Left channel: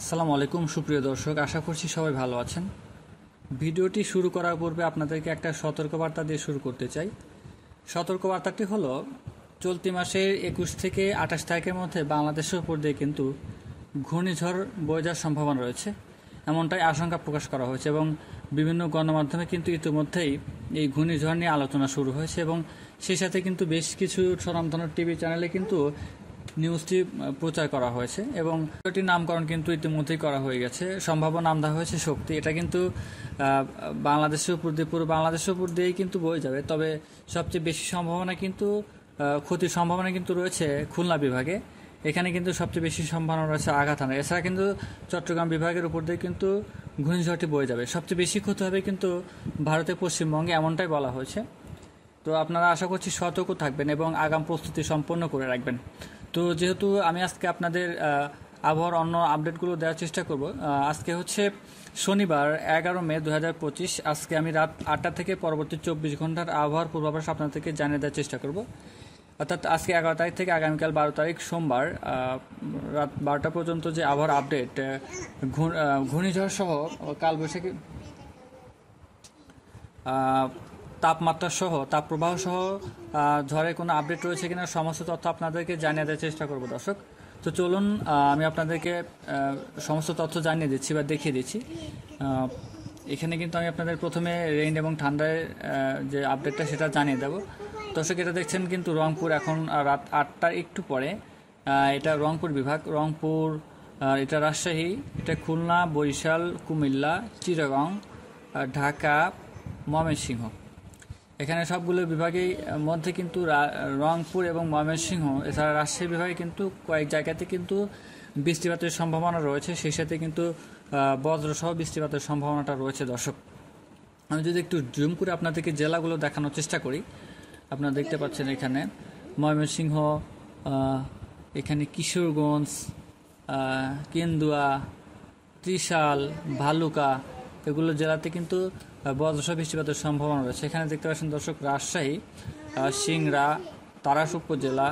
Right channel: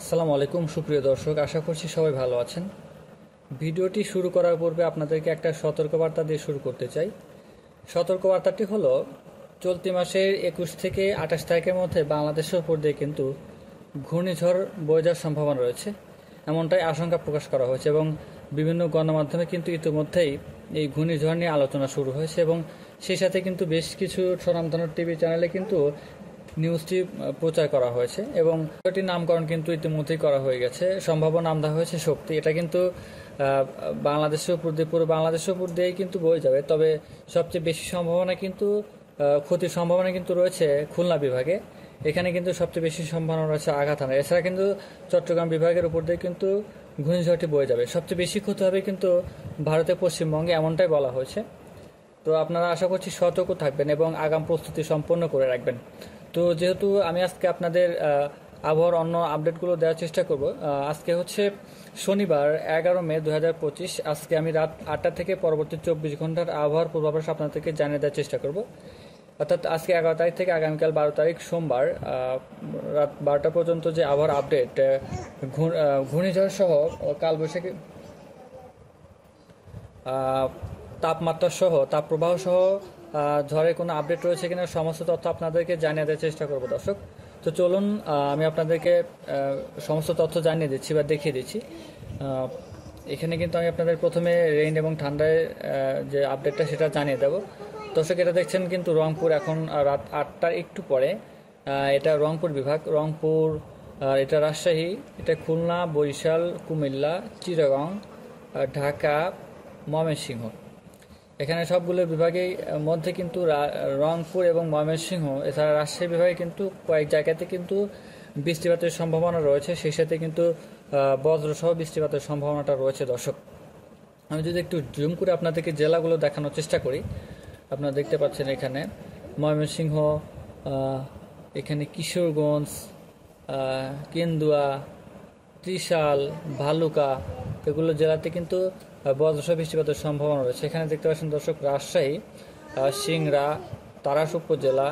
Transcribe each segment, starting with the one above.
আসসালামু আলাইকুম সুপ্রিয় দর্শক, আশা করছি সবাই ভালো আছেন। ভিডিওটি শুরু করার পূর্বে আপনাদেরকে একটা সতর্কবার্তা দিয়ে শুরু করতে চাই। সতর্কবার্তাটি হলো, চলতি মাসের 21 থেকে 28 তারিখের মধ্যে বাংলাদেশের উপর দিয়ে কিন্তু ঘূর্ণিঝড় বয়ে যাওয়ার সম্ভাবনা রয়েছে, এমনটাই আশঙ্কা প্রকাশ করা হয়েছে এবং বিভিন্ন গণমাধ্যমে কিন্তু ইতিমধ্যেই এই ঘূর্ণিঝড় নিয়ে আলোচনা শুরু হয়েছে এবং সেই সাথে কিন্তু বেশ কিছু স্বনামধন্য টিভি চ্যানেলে কিন্তু নিউজটি প্রচার করা হয়েছে এবং এটির নামকরণ কিন্তু ইতিমধ্যেই করা হয়ে গেছে। সম্ভাব্য নাম দেওয়া হয়েছে শক্তি। এটা কিন্তু বাংলাদেশের উপর দিয়ে, পুরো বাংলাদেশের উপর দিয়েই কিন্তু বয়ে যাবে। তবে সবচেয়ে বেশি সম্ভাবনা কিন্তু ক্ষতির সম্ভাবনা কিন্তু রয়েছে খুলনা বিভাগে। এখানে কিন্তু সবচেয়ে বেশি সম্ভাবনা রয়েছে আঘাত হানার। এছাড়া কিন্তু চট্টগ্রাম বিভাগের উপর দিয়ে কিন্তু ঘূর্ণিঝড়টি বয়ে যাবে। সবচেয়ে বেশি ক্ষতি হবে কিন্তু ভারতের পশ্চিমবঙ্গে, এমনটাই বলা হয়েছে। তো আপনারা আশা করছি সতর্ক থাকবেন এবং আগাম প্রস্তুতি সম্পন্ন করে রাখবেন। তো যেহেতু আমি আজকে আপনাদের আবহাওয়ার অন্য আপডেটগুলো দেওয়ার চেষ্টা করব। আজকে হচ্ছে শনিবার 11 মে 2025। আজকে আমি রাত 8টা থেকে পরবর্তী 24 ঘন্টার আবহাওয়ার পূর্বাভাস আপনাদেরকে জানিয়ে দেওয়ার চেষ্টা করব। অর্থাৎ আজকে 11 তারিখ থেকে আগামীকাল 12 তারিখ সোমবার রাত 12টা পর্যন্ত যে আবহাওয়ার আপডেট, ঘূর্ণিঝড় সহ কালবৈশাখী তাপমাত্রা সহ, তাপপ্রবাহ সহ ঝড়ের কোনো আপডেট রয়েছে কিনা সমস্ত তথ্য আপনাদেরকে জানিয়ে দেওয়ার চেষ্টা করব দর্শক। তো চলুন আমি আপনাদেরকে সমস্ত তথ্য জানিয়ে দিচ্ছি বা দেখিয়ে দিচ্ছি। এখানে কিন্তু আমি আপনাদের প্রথমে রেইন এবং ঠান্ডার যে আপডেটটা সেটা জানিয়ে দেবো দর্শক। এটা দেখছেন কিন্তু রংপুর, এখন রাত 8টার একটু পরে। এটা রংপুর বিভাগ, রংপুর, এটা রাজশাহী, এটা খুলনা, বরিশাল, কুমিল্লা, চিটাগং, ঢাকা, ময়মনসিংহ। এখানে সবগুলো বিভাগের মধ্যে কিন্তু রংপুর এবং ময়মনসিংহ এছাড়া রাজশাহী বিভাগে কিন্তু কয়েক জায়গাতে কিন্তু বৃষ্টিপাতের সম্ভাবনা রয়েছে। সেই সাথে কিন্তু বজ্রসহ বৃষ্টিপাতের সম্ভাবনাটা রয়েছে দর্শক। আমি যদি একটু জুম করে আপনাদেরকে জেলাগুলো দেখানোর চেষ্টা করি, আপনারা দেখতে পাচ্ছেন এখানে ময়মনসিংহ, এখানে কিশোরগঞ্জ, কেন্দুয়া, ত্রিশাল, ভালুকা, এগুলো জেলাতে কিন্তু বজ্রসহ বৃষ্টিপাতের সম্ভাবনা রয়েছে। এখানে দেখতে পাচ্ছেন দর্শক রাজশাহী, সিংড়া, তারাস উপজেলা,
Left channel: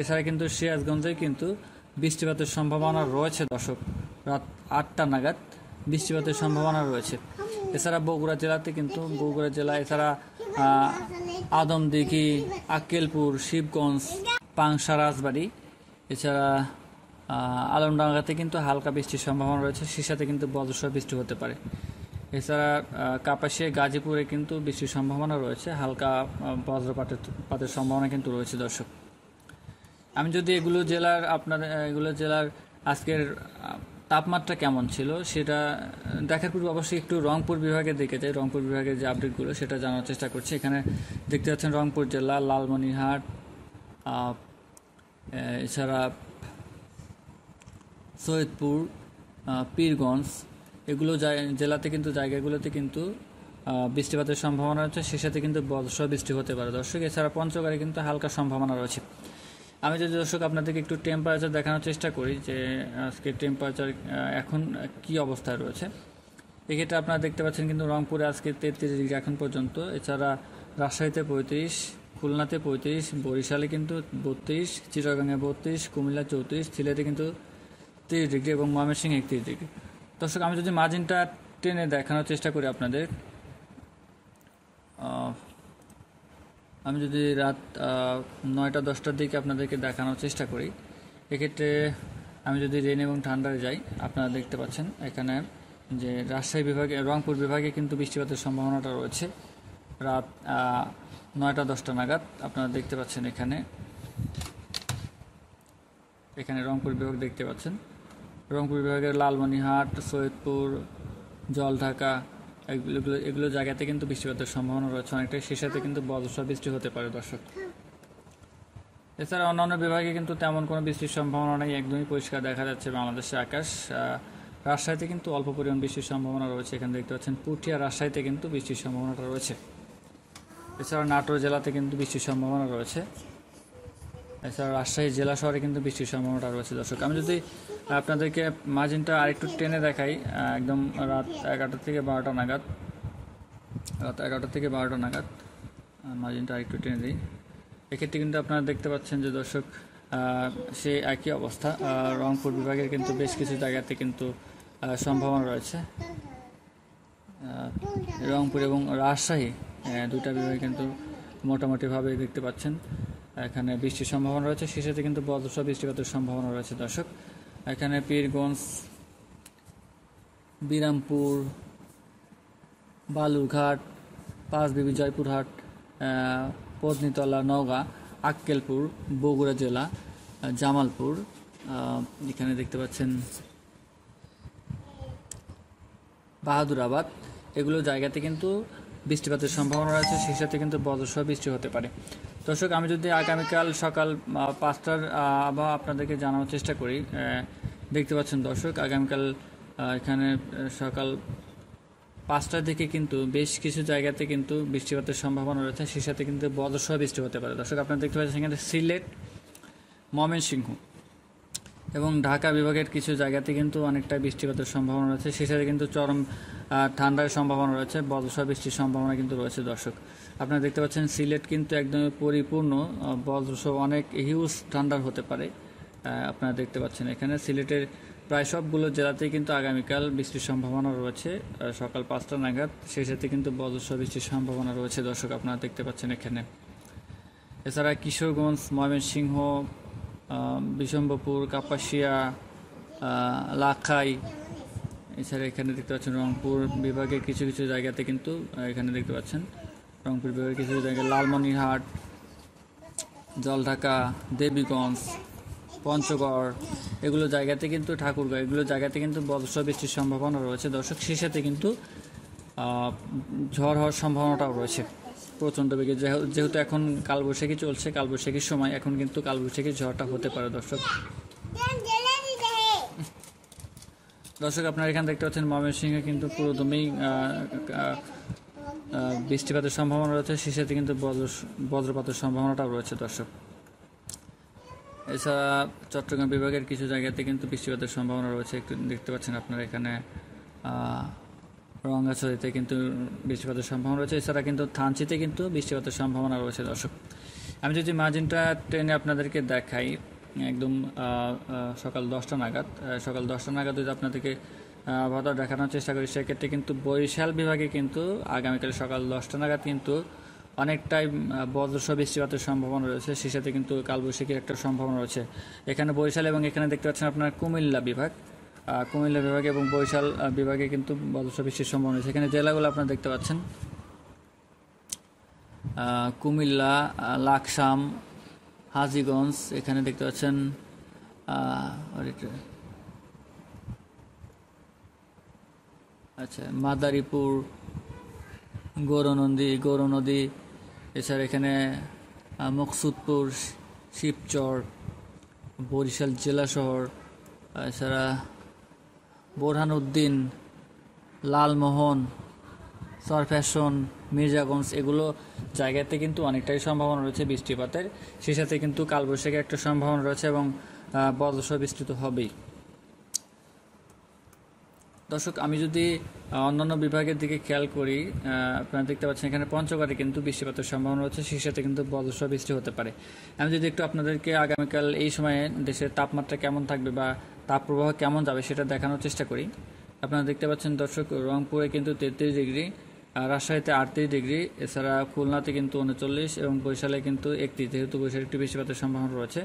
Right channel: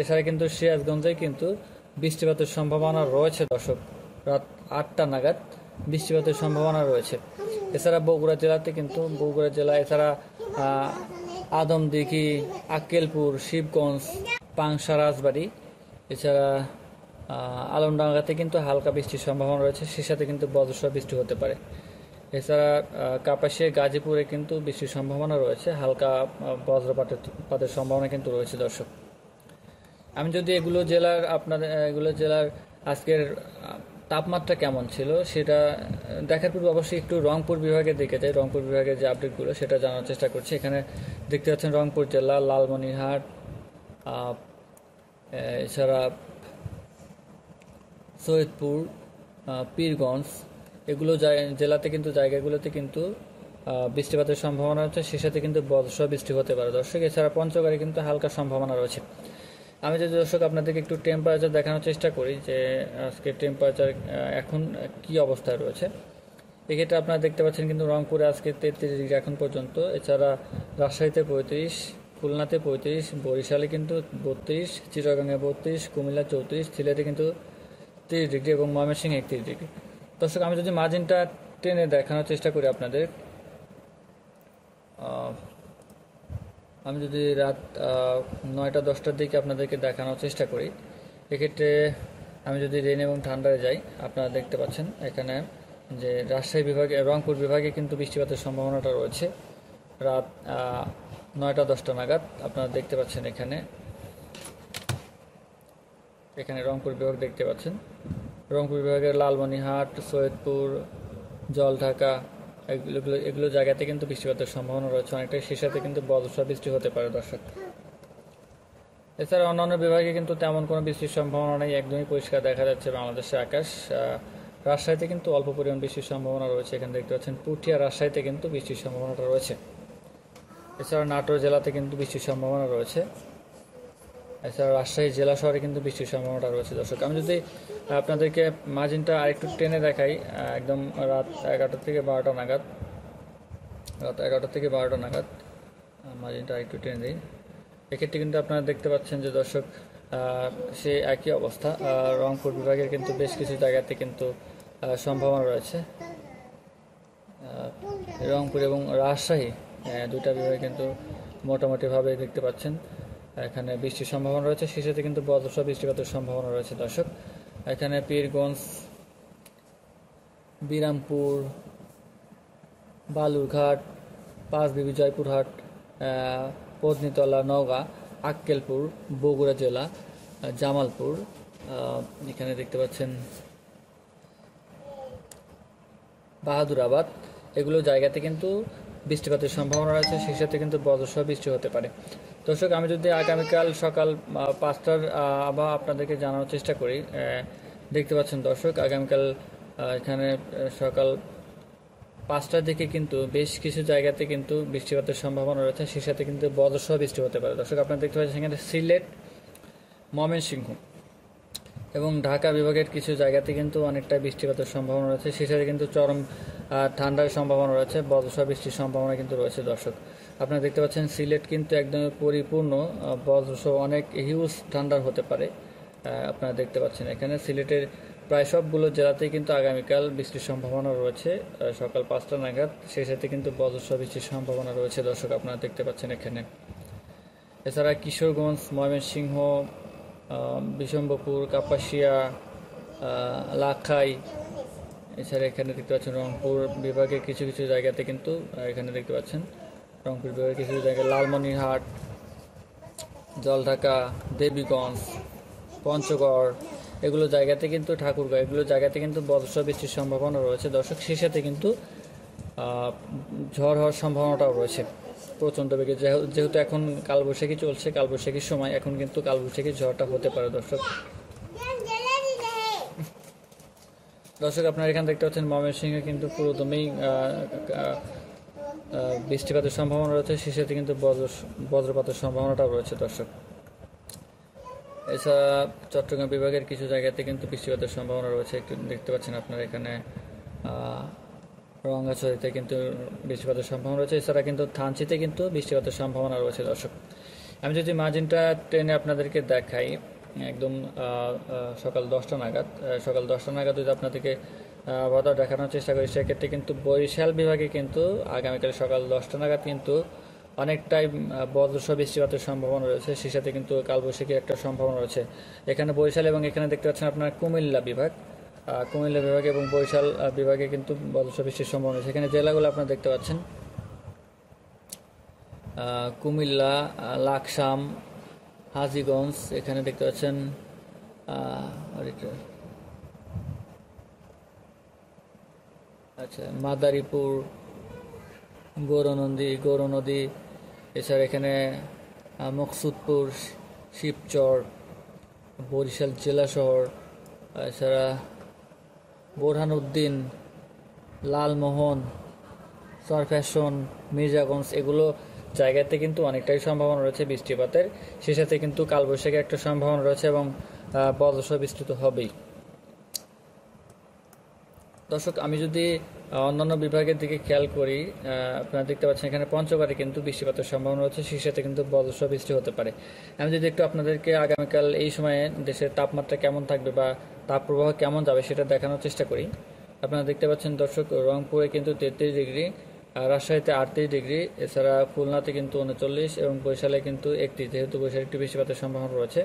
এছাড়া কিন্তু সিরাজগঞ্জে কিন্তু বৃষ্টিপাতের সম্ভাবনা রয়েছে দর্শক। রাত 8টা নাগাদ বৃষ্টিপাতের সম্ভাবনা রয়েছে। এছাড়া বগুড়া জেলাতে কিন্তু, বগুড়া জেলা, এছাড়া আদমদিঘি, আক্কেলপুর, শিবগঞ্জ, পাংশা, রাজবাড়ী, এছাড়া আলমডাঙ্গাতে কিন্তু হালকা বৃষ্টির সম্ভাবনা রয়েছে। সে সাথে কিন্তু বজ্রসহ বৃষ্টি হতে পারে। এছাড়া কাপাসিয়া, গাজীপুরে কিন্তু বৃষ্টির সম্ভাবনা রয়েছে, হালকা বজ্রপাতের সম্ভাবনা কিন্তু রয়েছে দর্শক। আমি যদি এগুলো জেলার আজকের তাপমাত্রা কেমন ছিল সেটা দেখার পূর্বে অবশ্যই একটু রংপুর বিভাগে দেখে যাই। রংপুর বিভাগের যে আপডেটগুলো সেটা জানার চেষ্টা করছি। এখানে দেখতে পাচ্ছেন রংপুর জেলা, লালমনিরহাট, এছাড়া সৈয়দপুর, পীরগঞ্জ, এগুলো জেলাতে কিন্তু জায়গাগুলোতে কিন্তু বৃষ্টিপাতের সম্ভাবনা রয়েছে। সে সাথে কিন্তু বজ্রসহ বৃষ্টি হতে পারে দর্শক। এছাড়া পঞ্চগড়ে কিন্তু হালকা সম্ভাবনা রয়েছে। আমি যদি দর্শক আপনাদেরকে একটু টেম্পারেচার দেখানোর চেষ্টা করি যে আজকে টেম্পারেচার এখন কি অবস্থায় রয়েছে। এক্ষেত্রে আপনারা দেখতে পাচ্ছেন কিন্তু রংপুরে আজকে 33 ডিগ্রি এখন পর্যন্ত। এছাড়া রাজশাহীতে 35, খুলনাতে 35, বরিশালে কিন্তু 32, চিটাগাঙে 32, কুমিল্লা 34, সিলেটে কিন্তু 30 ডিগ্রি এবং ময়মনসিংহে 31 ডিগ্রি। দর্শক আমি যদি মার্জিনটা টেনে দেখানোর চেষ্টা করি আপনাদের, আমি যদি রাত 9টা 10টার দিকে আপনাদেরকে দেখানোর চেষ্টা করি, এক্ষেত্রে আমি যদি রেন এবং ঠান্ডায় যাই, আপনারা দেখতে পাচ্ছেন এখানে যে রাজশাহী বিভাগে, রংপুর বিভাগে কিন্তু বৃষ্টিপাতের সম্ভাবনাটা রয়েছে রাত 9টা 10টা নাগাদ। আপনারা দেখতে পাচ্ছেন এখানে রংপুর বিভাগ দেখতে পাচ্ছেন। রংপুর বিভাগের লালমনিরহাট, সৈয়দপুর, জলঢাকা, এগুলো জায়গাতে কিন্তু বৃষ্টিপাতের সম্ভাবনা রয়েছে অনেকটাই। সে সাথে কিন্তু বজ্রসহ বৃষ্টি হতে পারে দর্শক। এছাড়া অন্যান্য বিভাগে কিন্তু তেমন কোনো বৃষ্টির সম্ভাবনা নেই, একদমই পরিষ্কার দেখা যাচ্ছে বাংলাদেশের আকাশ। রাজশাহীতে কিন্তু অল্প পরিমাণ বৃষ্টির সম্ভাবনা রয়েছে। এখানে দেখতে পাচ্ছেন পুঠিয়া, রাজশাহীতে কিন্তু বৃষ্টির সম্ভাবনাটা রয়েছে। এছাড়া নাটোর জেলাতে কিন্তু বৃষ্টির সম্ভাবনা রয়েছে। এছাড়া রাজশাহী জেলা শহরে কিন্তু বৃষ্টির সম্ভাবনাটা রয়েছে দর্শক। আমি যদি আপনাদেরকে মার্জিনটা আরেকটু টেনে দেখাই, একদম রাত 11টা থেকে 12টা নাগাদ, মার্জিনটা আরেকটু টেনে দিই। এক্ষেত্রে কিন্তু আপনারা দেখতে পাচ্ছেন যে দর্শক সে একই অবস্থা। রংপুর বিভাগের কিন্তু বেশ কিছু জায়গাতে কিন্তু সম্ভাবনা রয়েছে। রংপুর এবং রাজশাহী দুটা বিভাগে কিন্তু মোটামুটিভাবে দেখতে পাচ্ছেন এখানে বৃষ্টির সম্ভাবনা রয়েছে, সেই সাথে কিন্তু বজ্রসহ বৃষ্টিপাতের সম্ভাবনা রয়েছে দর্শক। এখানে পীরগঞ্জ, বিরামপুর, বালুরঘাট, পাঁচবিবি, জয়পুরহাট, পত্নীতলা, নওগাঁ, আক্কেলপুর, বগুড়া জেলা, জামালপুর, এখানে দেখতে পাচ্ছেন বাহাদুরাবাদ, এগুলো জায়গাতে কিন্তু বৃষ্টিপাতের সম্ভাবনা রয়েছে, সেই সাথে কিন্তু বজ্রসহ বৃষ্টি হতে পারে। দর্শক, আমি যদি আগামীকাল সকাল 5টার আবহাওয়া আপনাদেরকে জানানোর চেষ্টা করি, দেখতে পাচ্ছেন দর্শক আগামীকাল এখানে সকাল 5টার দিকে কিন্তু বেশ কিছু জায়গাতে কিন্তু বৃষ্টিপাতের সম্ভাবনা রয়েছে, সেই সাথে কিন্তু বজ্রসহ বৃষ্টি হতে পারে। দর্শক, আপনারা দেখতে পাচ্ছেন এখানে সিলেট, ময়মনসিংহ এবং ঢাকা বিভাগের কিছু জায়গাতে কিন্তু অনেকটা বৃষ্টিপাতের সম্ভাবনা রয়েছে, সেই সাথে কিন্তু চরম ঠান্ডার সম্ভাবনা রয়েছে, বজ্রসহ বৃষ্টির সম্ভাবনা কিন্তু রয়েছে। দর্শক, আপনারা দেখতে পাচ্ছেন সিলেট কিন্তু একদমই পরিপূর্ণ বজ্রসহ অনেক হিউজ ঠান্ডা হতে পারে। আপনারা দেখতে পাচ্ছেন এখানে সিলেটের প্রায় সবগুলো জেলাতেই কিন্তু আগামীকাল বৃষ্টির সম্ভাবনা রয়েছে সকাল 5টা নাগাদ, সেই সাথে কিন্তু বজ্রসহ বৃষ্টির সম্ভাবনা রয়েছে। দর্শক, আপনারা দেখতে পাচ্ছেন এখানে। এছাড়া কিশোরগঞ্জ, ময়মনসিংহ, বিশম্বরপুর, কাপাসিয়া, লাখাই, এছাড়া এখানে দেখতে পাচ্ছেন রংপুর বিভাগের কিছু কিছু জায়গাতে কিন্তু এখানে দেখতে পাচ্ছেন রংপুর বিভাগের কিছু জায়গায় লালমনিরহাট, জলঢাকা, দেবীগঞ্জ, পঞ্চগড়, এগুলো জায়গাতে কিন্তু ঠাকুরগাঁও, এগুলো জায়গাতে কিন্তু বজ্রসহ বৃষ্টির সম্ভাবনা রয়েছে। দর্শক, সেই সাথে কিন্তু ঝড় হওয়ার সম্ভাবনাটাও রয়েছে প্রচণ্ড বেগে, যেহেতু এখন কালবৈশাখী চলছে, কালবৈশাখীর সময় এখন কিন্তু কালবৈশাখী ঝড়টা হতে পারে। দর্শক, আপনারা এখানে দেখতে পাচ্ছেন ময়মনসিংহে কিন্তু পুরোদমেই বৃষ্টিপাতের সম্ভাবনা রয়েছে, সেই সাথে কিন্তু বজ্রপাতের সম্ভাবনাটাও রয়েছে। দর্শক, এছাড়া চট্টগ্রাম বিভাগের কিছু জায়গাতে কিন্তু বৃষ্টিপাতের সম্ভাবনা রয়েছে, একটু দেখতে পাচ্ছেন আপনারা এখানে রঙ্গাছড়িতে কিন্তু বৃষ্টিপাতের সম্ভাবনা রয়েছে, এছাড়া কিন্তু থানচিতে কিন্তু বৃষ্টিপাতের সম্ভাবনা রয়েছে। দর্শক, আমি যদি মার্জিনটা ট্রেনে আপনাদেরকে দেখাই একদম সকাল 10টা নাগাদ যদি আপনাদেরকে আবহাওয়া দেখানোর চেষ্টা করি, সেক্ষেত্রে কিন্তু বরিশাল বিভাগে কিন্তু আগামীকাল সকাল 10টা নাগাদ কিন্তু অনেকটাই বজ্রসহ বৃষ্টিপাতের সম্ভাবনা রয়েছে, সেই সাথে কিন্তু কালবৈশাখীর একটা সম্ভাবনা রয়েছে এখানে বরিশাল, এবং এখানে দেখতে পাচ্ছেন আপনার কুমিল্লা বিভাগ এবং বরিশাল বিভাগে কিন্তু বজ্রসহ বৃষ্টির সম্ভাবনা রয়েছে। এখানে জেলাগুলো আপনারা দেখতে পাচ্ছেন কুমিল্লা, লাকসাম, হাজীগঞ্জ, এখানে দেখতে পাচ্ছেন মাদারীপুর, গৌরনদী, এছাড়া এখানে মকসুদপুর, শিবচর, বরিশাল জেলা শহর, এছাড়া বোরহানউদ্দিন, লালমোহন, চরফ্যাশন, মির্জাগঞ্জ, এগুলো জায়গাতে কিন্তু অনেকটাই সম্ভাবনা রয়েছে বৃষ্টিপাতের, সেই সাথে কিন্তু কালবৈশাখী একটা সম্ভাবনা রয়েছে এবং বজ্রসহ বিস্তৃত হবেই। দর্শক, আমি যদি অন্যান্য বিভাগের দিকে খেয়াল করি, আপনারা দেখতে পাচ্ছেন এখানে পঞ্চগড়ে কিন্তু বৃষ্টিপাতের সম্ভাবনা রয়েছে, সেই সাথে কিন্তু বজ্রসহ বৃষ্টি হতে পারে। আমি যদি একটু আপনাদেরকে আগামীকাল এই সময়ে দেশের তাপমাত্রা কেমন থাকবে বা তাপপ্রবাহ কেমন যাবে সেটা দেখানোর চেষ্টা করি। আপনারা দেখতে পাচ্ছেন দর্শক, রংপুরে কিন্তু 33 ডিগ্রি, রাজশাহীতে 38 ডিগ্রি, এছাড়া খুলনাতে কিন্তু 39 এবং বরিশালে কিন্তু 31, যেহেতু বরিশালে একটি বৃষ্টিপাতের সম্ভাবনা রয়েছে,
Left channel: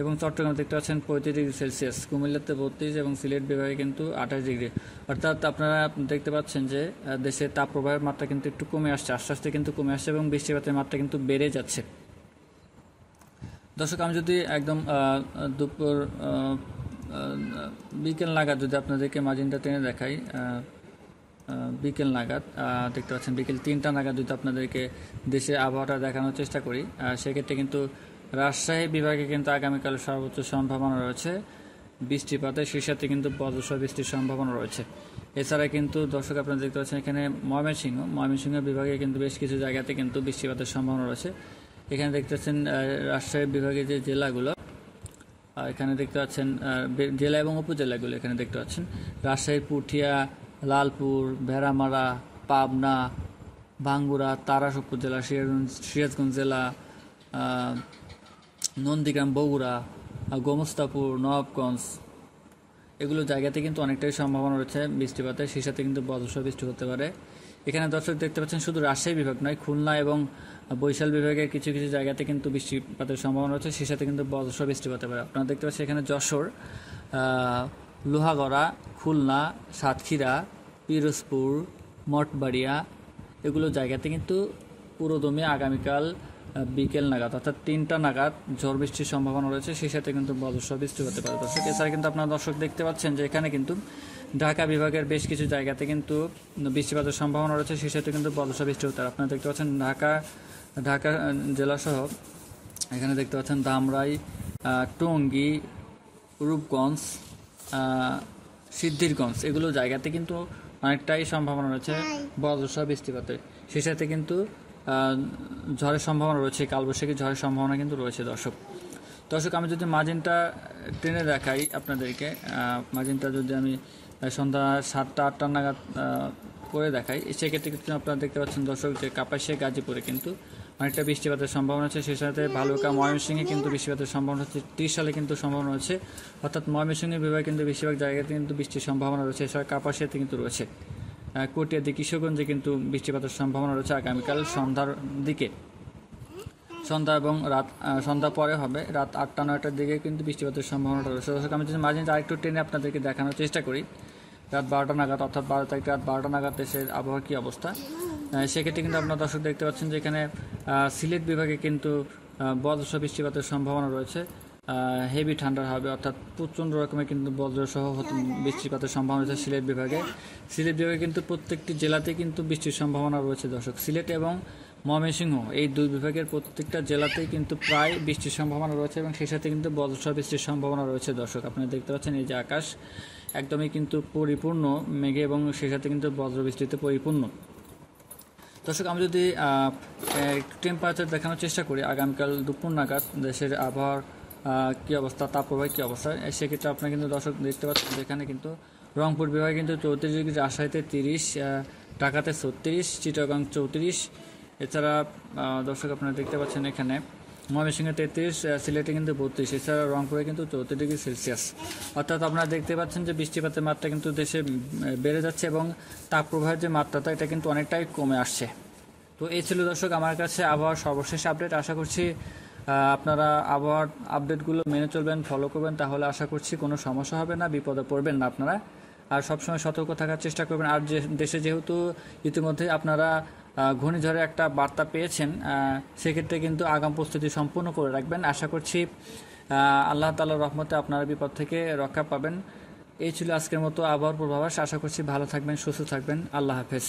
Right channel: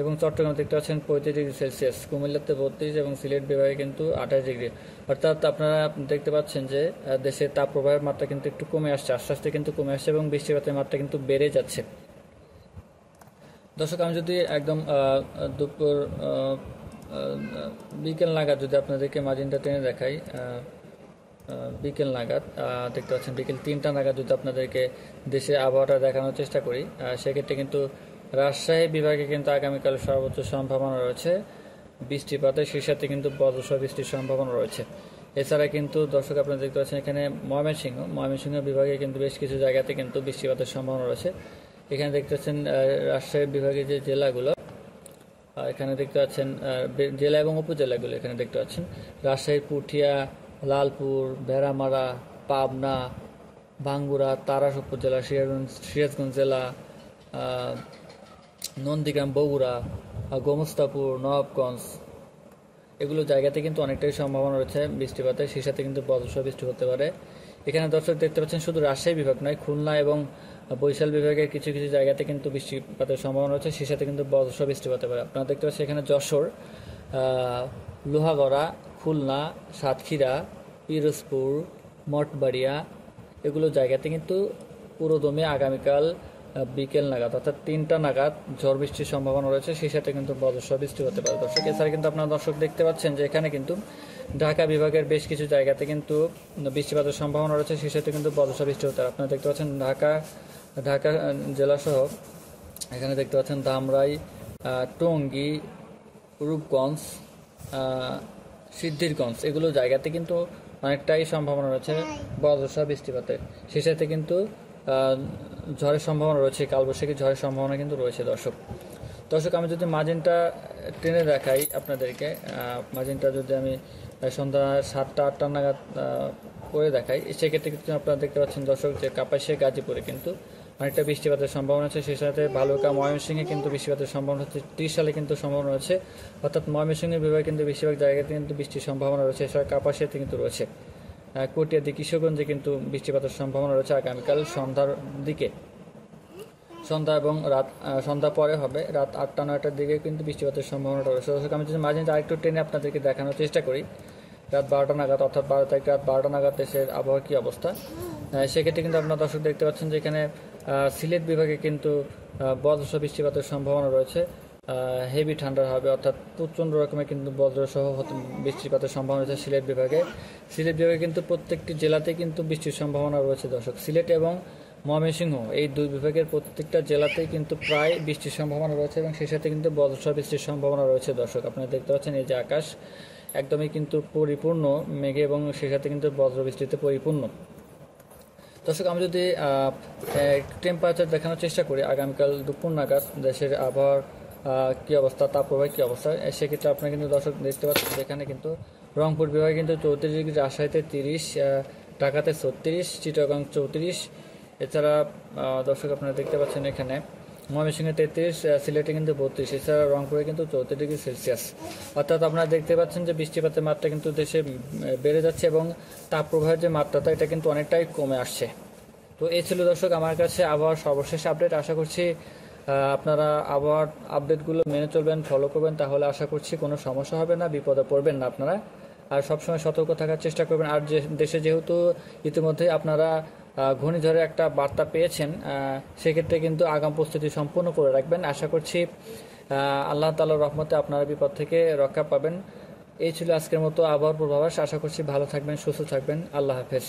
এবং চট্টগ্রাম দেখতে পাচ্ছেন 35 ডিগ্রি সেলসিয়াস, কুমিল্লাতে 32 এবং সিলেট বিভাগে কিন্তু 28 ডিগ্রি। অর্থাৎ আপনারা দেখতে পাচ্ছেন যে দেশের তাপপ্রবাহের মাত্রা কিন্তু একটু কমে আসছে, আস্তে আস্তে কিন্তু কমে আসছে এবং বৃষ্টিপাতের মাত্রা কিন্তু বেড়ে যাচ্ছে। দর্শক, আমি যদি একদম দুপুর বিকেল নাগাদ যদি আপনাদেরকে মার্জিনটা টেনে দেখাই, বিকেল নাগাদ দেখতে পাচ্ছেন বিকেল 3টা নাগাদ যদি আপনাদেরকে দেশের আবহাওয়াটা দেখানোর চেষ্টা করি, সেক্ষেত্রে কিন্তু রাজশাহী বিভাগে কিন্তু আগামীকাল সর্বোচ্চ সম্ভাবনা রয়েছে বৃষ্টিপাতের, সেই সাথে কিন্তু বজ্রসহ বৃষ্টির সম্ভাবনা রয়েছে। এছাড়া কিন্তু দর্শক, আপনারা দেখতে পাচ্ছেন এখানে ময়মনসিংহ বিভাগে কিন্তু বেশ কিছু জায়গাতে কিন্তু বৃষ্টিপাতের সম্ভাবনা রয়েছে। এখানে দেখতে পাচ্ছেন রাজশাহী বিভাগের যে জেলাগুলো, এখানে দেখতে পাচ্ছেন জেলা এবং উপজেলাগুলো, এখানে দেখতে পাচ্ছেন রাজশাহী, পুঠিয়া, লালপুর, ভেড়ামারা, পাবনা, ভাঙ্গুড়া, তারাস উপজেলা, সিরাজগঞ্জ জেলা, নন্দীগ্রাম, বগুড়া, গোমস্তাপুর, নবাবগঞ্জ এগুলো জায়গাতে কিন্তু অনেকটাই সম্ভাবনা রয়েছে বৃষ্টিপাতের, সেই সাথে কিন্তু বজ্রসহ বৃষ্টি হতে পারে। এখানে দর্শক দেখতে পাচ্ছেন শুধু রাজশাহী বিভাগ নয়, খুলনা এবং বরিশাল বিভাগের কিছু কিছু জায়গাতে কিন্তু বৃষ্টিপাতের সম্ভাবনা রয়েছে, সেই সাথে কিন্তু বজ্রসহ বৃষ্টি হতে পারে। আপনারা দেখতে পাচ্ছেন এখানে যশোর, লোহাগড়া, খুলনা, সাতক্ষীরা, পিরোজপুর, মঠবাড়িয়া এগুলো জায়গাতে কিন্তু পুরোদমে আগামীকাল বিকেল নাগাদ অর্থাৎ 3টা নাগাদ ঝড় বৃষ্টির সম্ভাবনা রয়েছে, সেই সাথে কিন্তু বজ্রসহ বৃষ্টি হতে পারে দর্শক। এছাড়া কিন্তু আপনারা দর্শক দেখতে পাচ্ছেন যে এখানে কিন্তু ঢাকা বিভাগের বেশ কিছু জায়গাতে কিন্তু বৃষ্টিপাতের সম্ভাবনা রয়েছে, সেই সাথে কিন্তু বজ্রসহ বৃষ্টি হতে পারে। আপনারা দেখতে পাচ্ছেন ঢাকা জেলাসহ এখানে দেখতে পাচ্ছেন ধামরাই, টঙ্গী, রূপগঞ্জ, সিদ্ধিরগঞ্জ এগুলো জায়গাতে কিন্তু অনেকটাই সম্ভাবনা রয়েছে বজ্রসহ বৃষ্টিপাতের, সেই সাথে কিন্তু ঝড়ের সম্ভাবনা রয়েছে, কালবৈশাখী ঝড়ের সম্ভাবনা কিন্তু রয়েছে দর্শক। আমি যদি মার্জিনটা টেনে দেখাই আপনাদেরকে, মার্জিনটা যদি আমি সন্ধ্যা 7টা-8টা নাগাদ করে দেখাই, সেক্ষেত্রে কিন্তু আপনারা দেখতে পাচ্ছেন দর্শক যে কাপাসিয়া, গাজীপুরে কিন্তু অনেকটা বৃষ্টিপাতের সম্ভাবনা আছে, সেই সাথে ভালুকা, ময়মনসিংহে কিন্তু বৃষ্টিপাতের সম্ভাবনা হচ্ছে, 30 সালে কিন্তু সম্ভাবনা রয়েছে, অর্থাৎ ময়মনসিংহ বিভাগে কিন্তু বেশিরভাগ জায়গাতে কিন্তু বৃষ্টির সম্ভাবনা রয়েছে। এছাড়া কাপাসিয়াতে কিন্তু রয়েছে, কটিয়াদি, কিশোরগঞ্জে কিন্তু বৃষ্টিপাতের সম্ভাবনা রয়েছে আগামীকাল সন্ধ্যার দিকে, সন্ধ্যা এবং সন্ধ্যা পরে হবে, রাত 8টা-9টার দিকে কিন্তু বৃষ্টিপাতের সম্ভাবনা রয়েছে। আমি যদি মাঝে আরেকটু টেনে আপনাদেরকে দেখানোর চেষ্টা করি রাত 12টা নাগাদ, অর্থাৎ 12 তারিখ রাত 12টা নাগাদ দেশের আবহাওয়া কী অবস্থা, সেক্ষেত্রে কিন্তু আপনার দর্শক দেখতে পাচ্ছেন যে এখানে সিলেট বিভাগে কিন্তু বজ্রসহ বৃষ্টিপাতের সম্ভাবনা রয়েছে, হেভি ঠান্ডা হবে, অর্থাৎ প্রচণ্ড রকমের কিন্তু বজ্রসহ বৃষ্টিপাতের সম্ভাবনা রয়েছে সিলেট বিভাগে কিন্তু প্রত্যেকটি জেলাতে কিন্তু বৃষ্টির সম্ভাবনা রয়েছে দর্শক। সিলেট এবং ময়মনসিংহ এই দুই বিভাগের প্রত্যেকটা জেলাতেই কিন্তু প্রায় বৃষ্টির সম্ভাবনা রয়েছে এবং সেই সাথে কিন্তু বজ্রসহ বৃষ্টির সম্ভাবনা রয়েছে দর্শক। আপনারা দেখতে পাচ্ছেন এই যে আকাশ একদমই কিন্তু পরিপূর্ণ মেঘে এবং সেই সাথে কিন্তু বজ্রবৃষ্টিতে পরিপূর্ণ দর্শক। আমি যদি টেম্পারেচার দেখানোর চেষ্টা করি আগামীকাল দুপুর নাগাদ দেশের আবহাওয়ার কী অবস্থা, তাপপ্রবাহ কী অবস্থা, সেক্ষেত্রে আপনারা কিন্তু দর্শক দেখতে পাচ্ছেন যেখানে কিন্তু রংপুর বিভাগে কিন্তু 34 ডিগ্রি, রাজশাহীতে 30, ঢাকাতে 36, চিটাগাং 34, এছাড়া দর্শক আপনারা দেখতে পাচ্ছেন এখানে ময়মনসিংহে 33, সিলেটে কিন্তু 32, এছাড়া রংপুরে কিন্তু 34 ডিগ্রি সেলসিয়াস। অর্থাৎ আপনারা দেখতে পাচ্ছেন যে বৃষ্টিপাতের মাত্রা কিন্তু দেশে বেড়ে যাচ্ছে এবং তাপপ্রবাহের যে মাত্রাটা এটা কিন্তু অনেকটাই কমে আসছে। তো এই ছিল দর্শক আমার কাছে আবহাওয়ার সর্বশেষ আপডেট। আশা করছি আপনারা আবহাওয়ার আপডেটগুলো মেনে চলবেন, ফলো করবেন, তাহলে আশা করছি কোনো সমস্যা হবে না, বিপদে পড়বেন না আপনারা। আর সবসময় সতর্ক থাকার চেষ্টা করবেন। আর দেশে যেহেতু ইতিমধ্যে আপনারা ঘূর্ণিঝড়ের একটা বার্তা পেয়েছেন, সেক্ষেত্রে কিন্তু আগাম প্রস্তুতি সম্পূর্ণ করে রাখবেন। আশা করছি আল্লাহ তাআলার রহমতে আপনারা বিপদ থেকে রক্ষা পাবেন। এই ছিল আজকের মতো আবহাওয়ার পূর্বাভাস। আশা করছি ভালো থাকবেন, সুস্থ থাকবেন। আল্লাহ হাফেজ।